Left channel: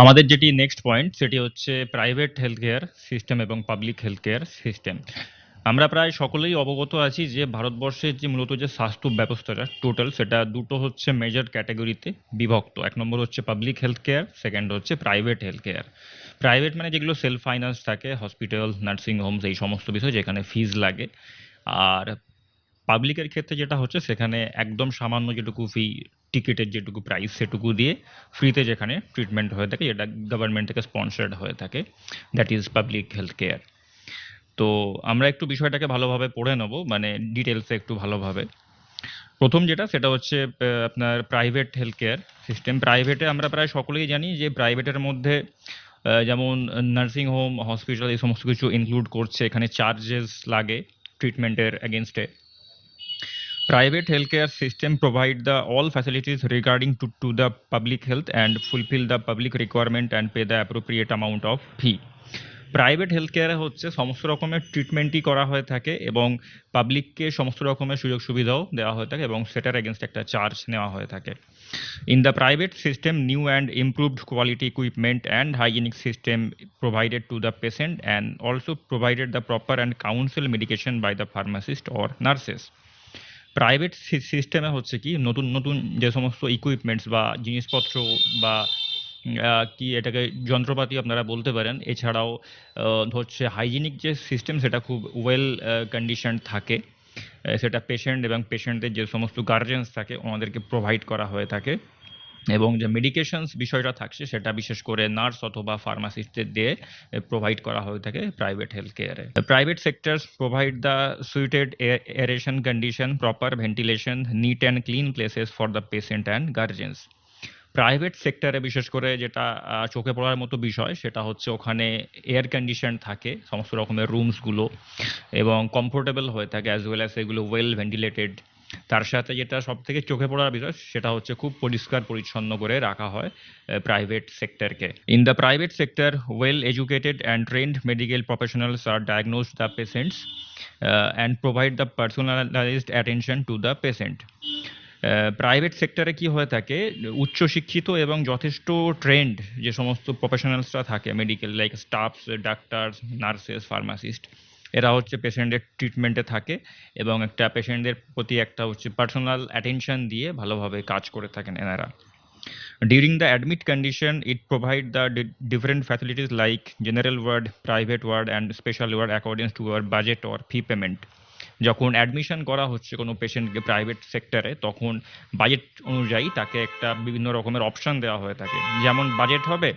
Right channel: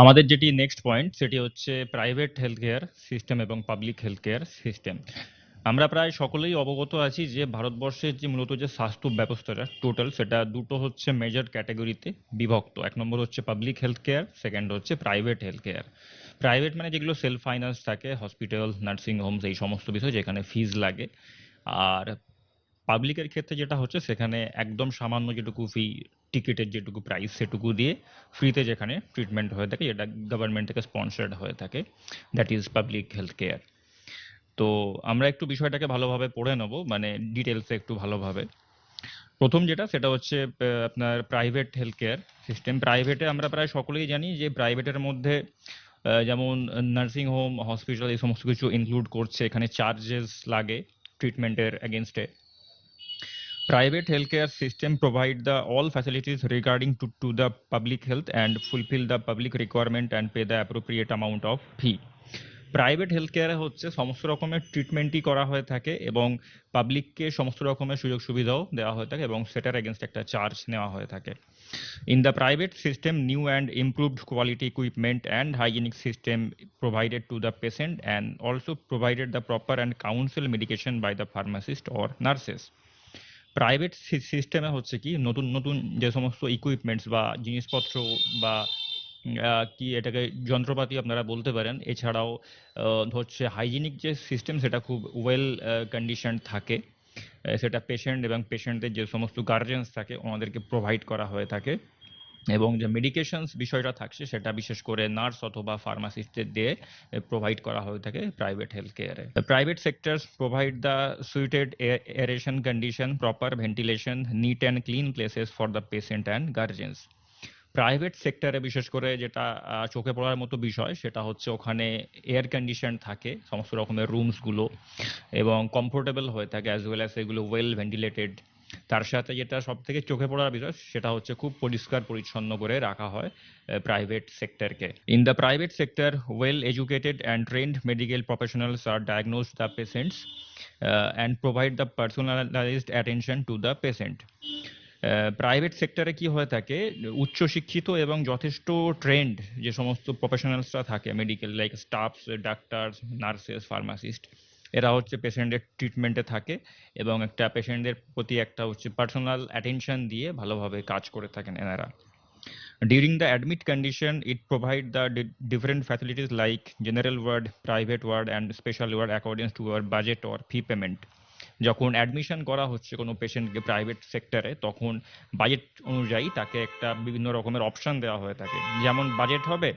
আমাদের যেটি next point সেটি হচ্ছে প্রাইভেট হেলথ কেয়ার সিস্টেম এবং পাবলিক হেলথ কেয়ার সিস্টেম। আমরা প্রায় সকলেই অবগত আছি যে ভারতবর্ষের যে মূলত যে স্বাস্থ্য ব্যবস্থাটা টোটাল সেটা দুটো হচ্ছে মেজর ক্যাটাগরিতে বিভক্ত। এক নম্বর হচ্ছে পাবলিক হেলথ কেয়ার, সেকেন্ড হচ্ছে প্রাইভেট হেলথ কেয়ার। প্রাইভেট মানে যেগুলো সেলফ ফাইন্যান্স থাকে, হসপিটাল, নার্সিং হোমস, এই সমস্ত বিষয় যেখানে ফিজ লাগে। আর পাবলিকের ক্ষেত্রে যেটা হচ্ছে সেখানে একদম সামান্য যেটুকু ফি, টিকিটের যেটুকু প্রাইস সেটুকু দিয়ে ফ্রিতে যেখানে ট্রিটমেন্ট হয়ে থাকে, যেটা গভর্নমেন্ট থেকে স্পন্সার্ড হয়ে থাকে, that is public health care. তো আমরা একটু বিষয়টাকে ভালোভাবে পড়ে নেব, মানে ডিটেলসে একটু ভালোভাবে। প্রথম যেটা সেটা হচ্ছে আপনার প্রাইভেট হেলথ কেয়ার সিস্টেম। প্রাইভেটে আমরা প্রায় সকলেই জানি যে প্রাইভেটের মধ্যে যেমন নার্সিং হোম, হসপিটাল এই সমস্ত কিছু ইনক্লুড করছে, এখানে চার্জেস লাগে ট্রিটমেন্টের এগেনস্টে। Private healthcare system provide the all facilities regarding to the public health and fulfill the public requirement and pay the appropriate amount of fee. Private health কেয়ারে হচ্ছে সমস্ত রকমের ট্রিটমেন্টই করা হয়ে থাকে এবং পাবলিককে সমস্ত রকমের সুযোগ সুবিধাও দেওয়া হয়ে থাকে এবং সেটার এগেনস্ট একটা চার্জ নেওয়া হয়ে থাকে। In the private system, new and improved quality equipment and hygienic system provided to the patient and also provided the proper and counsel medication by the pharmacist or nurses. Private সিস্টেমে হচ্ছে কি নতুন নতুন যে সমস্ত ইকুইপমেন্টস বা জিনিসপত্র বা কি এটাকে যন্ত্রপাতি আপনারা বলতে পারেন, এছাড়াও হচ্ছে হাইজিনিক যে সিস্টেম সেটা খুব ওয়েল কন্ডিশন থাকে, সেটা পেশেন্ট এবং পেশেন্টের যে সমস্ত গার্জেন্স থাকে ওনাদেরকে প্রোভাইড করা হয়ে থাকে। এবং যে মেডিকেশনস বিষয়টা থাকছে সেটা বিশেষ করে নার্স অথবা ফার্মাসিস্টদের দিয়ে প্রোভাইড করা হয়ে থাকে প্রাইভেট হেলথ কেয়ারে। Private sectors provide the suited aeration condition, proper ventilation, neat and clean places for the patient and guardians. Private সেক্টরে বিশেষ করে যেটা চোখে পড়ার মতো বিষয় সেটা হচ্ছে ওখানে এয়ার কন্ডিশন থাকে সমস্ত রকমের রুমসগুলো এবং কমফোর্টেবল হয়ে থাকে, অ্যাজ ওয়েল অ্যাজ এগুলো ওয়েল ভেন্টিলেটেড। তার সাথে যেটা সব থেকে চোখে পড়ার বিষয় সেটা হচ্ছে খুব পরিষ্কার পরিচ্ছন্ন করে রাখা হয় প্রাইভেট সেক্টরকে। In the private sector, well educated and trained medical professionals আর diagnose the patients and provide the personalised attention to the patient. Private সেক্টরে কি হয়ে থাকে, উচ্চশিক্ষিত এবং যথেষ্ট ট্রেন্ড যে সমস্ত প্রফেশনালসরা থাকে medical, like stuffs, doctor's, nurses, pharmacist, এরা হচ্ছে পেশেন্টের ট্রিটমেন্টে থাকে এবং একটা পেশেন্টদের প্রতি একটা হচ্ছে পার্সোনাল অ্যাটেনশন দিয়ে ভালোভাবে কাজ করে থাকেন এনারা। During the admit condition, it provide the different facilities like general ward, private ward and special ward according to our budget or fee payment. যখন অ্যাডমিশন করা হচ্ছে কোনো পেশেন্টকে প্রাইভেট সেক্টরে, তখন বাজেট অনুযায়ী তাকে একটা বিভিন্ন রকমের অপশন দেওয়া হয়ে থাকে। যেমন বাজেট হবে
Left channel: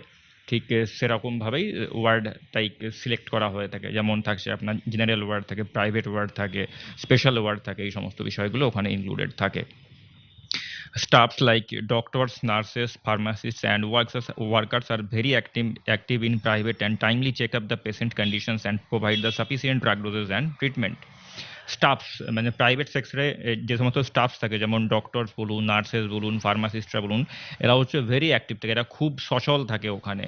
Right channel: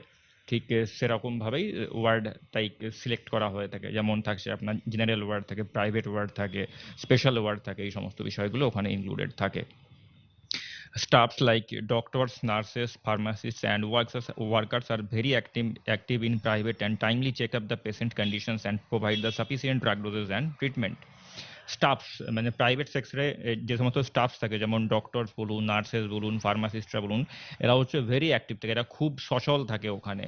ঠিক সেরকমভাবেই ওয়ার্ড তাই সিলেক্ট করা হয়ে থাকে। যেমন থাকছে আপনার জেনারেল ওয়ার্ড থাকে, প্রাইভেট ওয়ার্ড থাকে, স্পেশাল ওয়ার্ড থাকে, এই সমস্ত বিষয়গুলো ওখানে ইনক্লুডেড থাকে। Staffs like doctors, nurses, pharmacists, and workers are very active in private and timely check up the patient conditions and provide the sufficient drug doses and treatment. Stuffs মানে private সেক্টরে যে সমস্ত স্টাফস থাকে, যেমন doctors বলুন, nurses বলুন, ফার্মাসিস্টরা বলুন, এরা হচ্ছে ভেরি অ্যাক্টিভ থাকে, এরা খুব সচল থাকে ওখানে,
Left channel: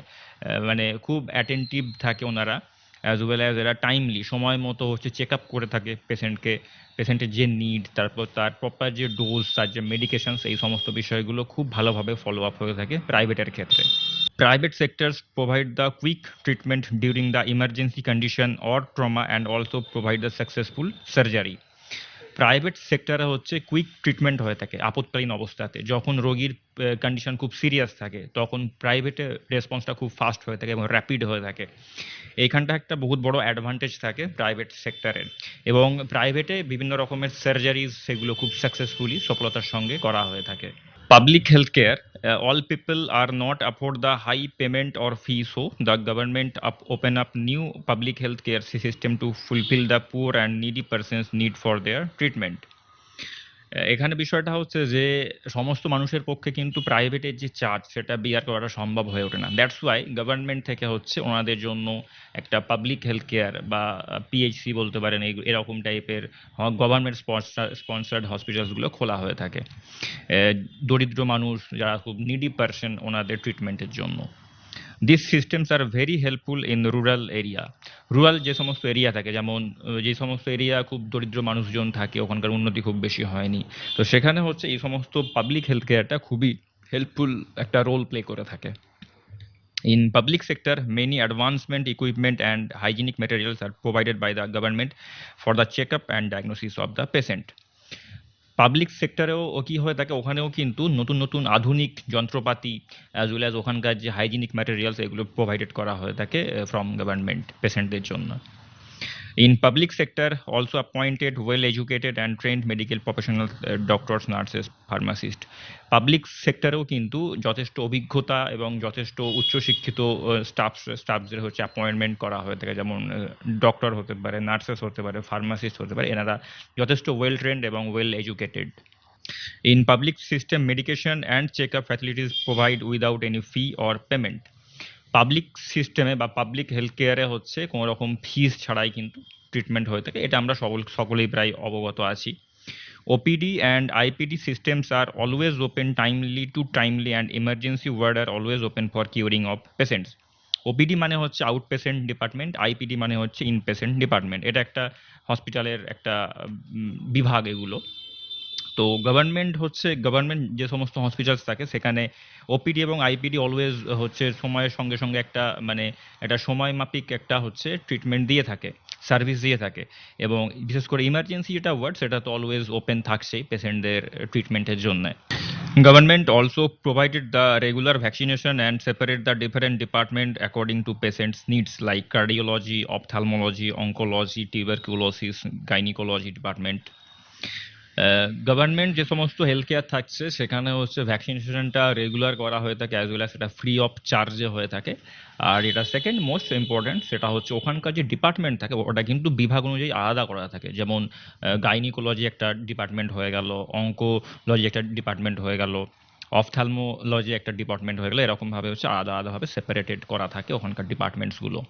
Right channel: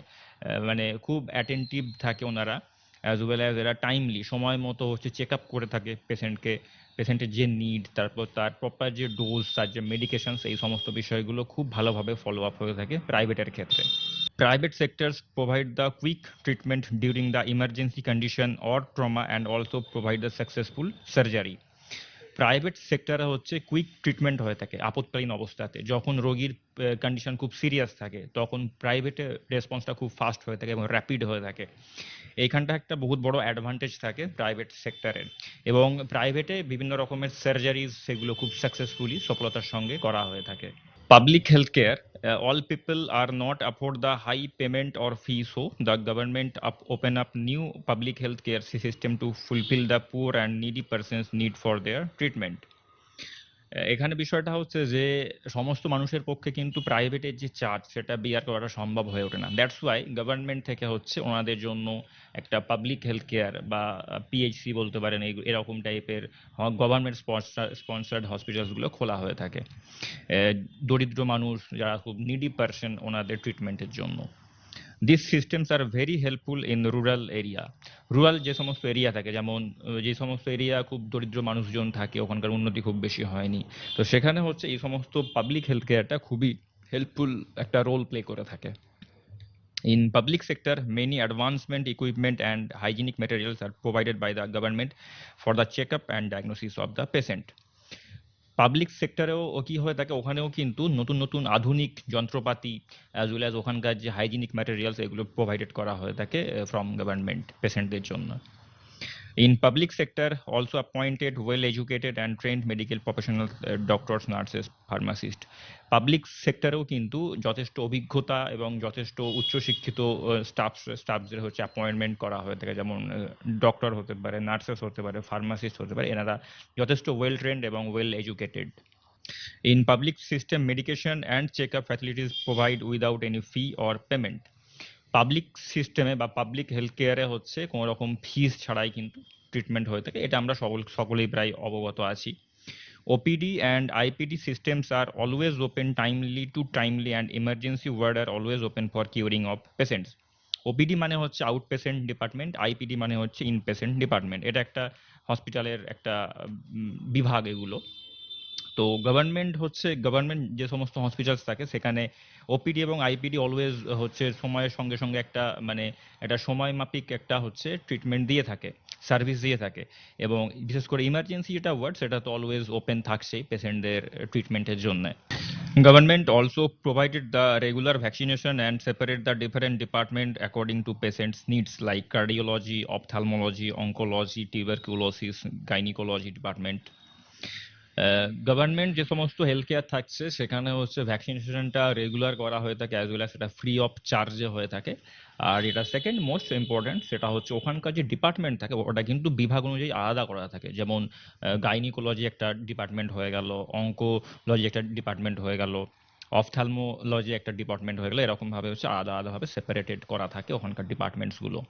মানে খুব অ্যাটেন্টিভ থাকে ওনারা, অ্যাজ ওয়েল অ্যাজ এরা টাইমলি সময় মতো হচ্ছে চেক আপ করে থাকে পেশেন্টকে, পেশেন্টের যে নিড, তারপর তার প্রপার যে ডোজ, তার যে মেডিকেশনস, এই সমস্ত বিষয়গুলো খুব ভালোভাবে ফলো আপ হয়ে থাকে প্রাইভেটের ক্ষেত্রে। Private sectors provide the quick treatment during the emergency condition or trauma and also provide the successful surgery. Private সেক্টরে হচ্ছে কুইক ট্রিটমেন্ট হয়ে থাকে আপৎকালীন অবস্থাতে, যখন রোগীর কন্ডিশন খুব সিরিয়াস থাকে তখন প্রাইভেটে রেসপন্সটা খুব ফাস্ট হয়ে থাকে এবং র্যাপিড হয়ে থাকে। এইখানটা একটা বহুত বড় অ্যাডভান্টেজ থাকে প্রাইভেট সেক্টরের। এবং প্রাইভেটে বিভিন্ন রকমের সার্জারিজ সেগুলো খুব সাকসেসফুলি সফলতার সঙ্গে করা হয়ে থাকে। Public healthcare, all people are not afford the high payment or fee, so the government open up new public healthcare system to fulfill the poor and needy persons need for their treatment. এখানে বিষয়টা হচ্ছে যে সমস্ত মানুষের পক্ষে কিন্তু প্রাইভেটের যে charge সেটা বিয়ার করাটা সম্ভব হয়ে ওঠে না। দ্যাটস ওয়াই গভর্নমেন্ট থেকে হচ্ছে ওনাদের জন্য একটা পাবলিক হেলথ কেয়ার বা পিএইচসি বলতে পারেন, এরকম টাইপের গভর্নমেন্ট স্পন্সার্ড হসপিটালসগুলো খোলা হয়ে থাকে দরিদ্র মানুষ যারা খুব নিডি পারসন ওনাদের ট্রিটমেন্টের জন্য। This systems are very helpful in rural area. Rural যে সমস্ত এরিয়া থাকে, যেমন যে সমস্ত এরিয়া খুব দরিদ্র মানুষজন থাকে, ওখানকার উন্নতি খুব বেশি হয়নি, তো সেখানে হচ্ছে এই সমস্ত পাবলিক হেলথ কেয়ারটা খুবই হেল্পফুল একটা রোল প্লে করে থাকে। In public sector, many advancement equipment and hygienic materials are provided by the government for the checkup and diagnosis of the patient. Public সেক্টরেও কি হয়ে থাকে, ওখানেও কিন্তু নতুন নতুন আধুনিক যন্ত্রপাতি অ্যাজ ওয়েল অ্যাজ ওখানকার যে হাইজিনিক ম্যাটেরিয়ালস এগুলো প্রোভাইডেড করা হয়ে থাকে ফ্রম গভর্নমেন্ট পেশেন্টদের জন্য। In public sector, also appointed well-educated and trained medical professionals, doctors, nurses, pharmacists. Public সেক্টরেও কিন্তু যথেষ্ট অভিজ্ঞতা এবং যথেষ্ট উচ্চশিক্ষিত স্টাফদের হচ্ছে অ্যাপয়েন্টমেন্ট করা হয়ে থাকে, যেমন ডক্টর হতে পারে, নার্সেস হতে পারে, ফার্মাসিস্ট হতে পারে, এনারা যথেষ্ট ওয়েল ট্রেন্ড এবং well educated. In public system, medication and checkup facilities provide without any fee or payment. Public সিস্টেমে বা পাবলিক হেলথ কেয়ারে হচ্ছে কোনো রকম ফিস ছাড়াই কিন্তু ট্রিটমেন্ট হয়ে থাকে, এটা আমরা সকলেই প্রায় অবগত আছি। OPD and IPD systems are always open timely and emergency ward are always open for curing of patients. OPD মানে হচ্ছে আউট পেশেন্ট ডিপার্টমেন্ট, আইপিডি মানে হচ্ছে ইন পেশেন্ট ডিপার্টমেন্ট, এটা একটা হসপিটালের একটা বিভাগ এগুলো। তো গভর্নমেন্ট যে সমস্ত হসপিটালস থাকে সেখানে ওপিডি এবং আইপিডি অলওয়েজ হচ্ছে সময়ের সঙ্গে সঙ্গে একটা মানে একটা সময় মাফিক একটা হচ্ছে ট্রিটমেন্ট দিয়ে থাকে, সার্ভিস দিয়ে থাকে, এবং বিশেষ করে ইমার্জেন্সি যেটা ওয়ার্ড সেটা তো অলওয়েজ ওপেন থাকছেই পেশেন্টদের ট্রিটমেন্টের জন্য। Government also provided the regular vaccination and separate the different department according to patients' needs like cardiology, ophthalmology, oncology, tuberculosis, gynecology department. Government যে সমস্ত হেলথ কেয়ার থাকছে সেখানে হচ্ছে ভ্যাকসিনেশনটা রেগুলার করা হয়ে থাকে অ্যাজ ওয়েল অ্যাজ সেটা ফ্রি অফ চার্জে হয়ে থাকে। আর এটা সেকেন্ড মোস্ট ইম্পর্টেন্ট, সেটা হচ্ছে ওখানকার যে ডিপার্টমেন্ট থাকে ওটা কিন্তু বিভাগ অনুযায়ী আলাদা করা থাকে, যেমন গাইনিকোলজি একটা ডিপার্টমেন্ট হয়ে গেল, অঙ্কোলজি একটা ডিপার্টমেন্ট হয়ে গেল, অফথ্যালমোলজি একটা ডিপার্টমেন্ট হয়ে গেল, এরকমভাবে হচ্ছে আলাদা আলাদাভাবে সেপারেটেড করা থাকে ওখানকার ডিপার্টমেন্টসগুলো।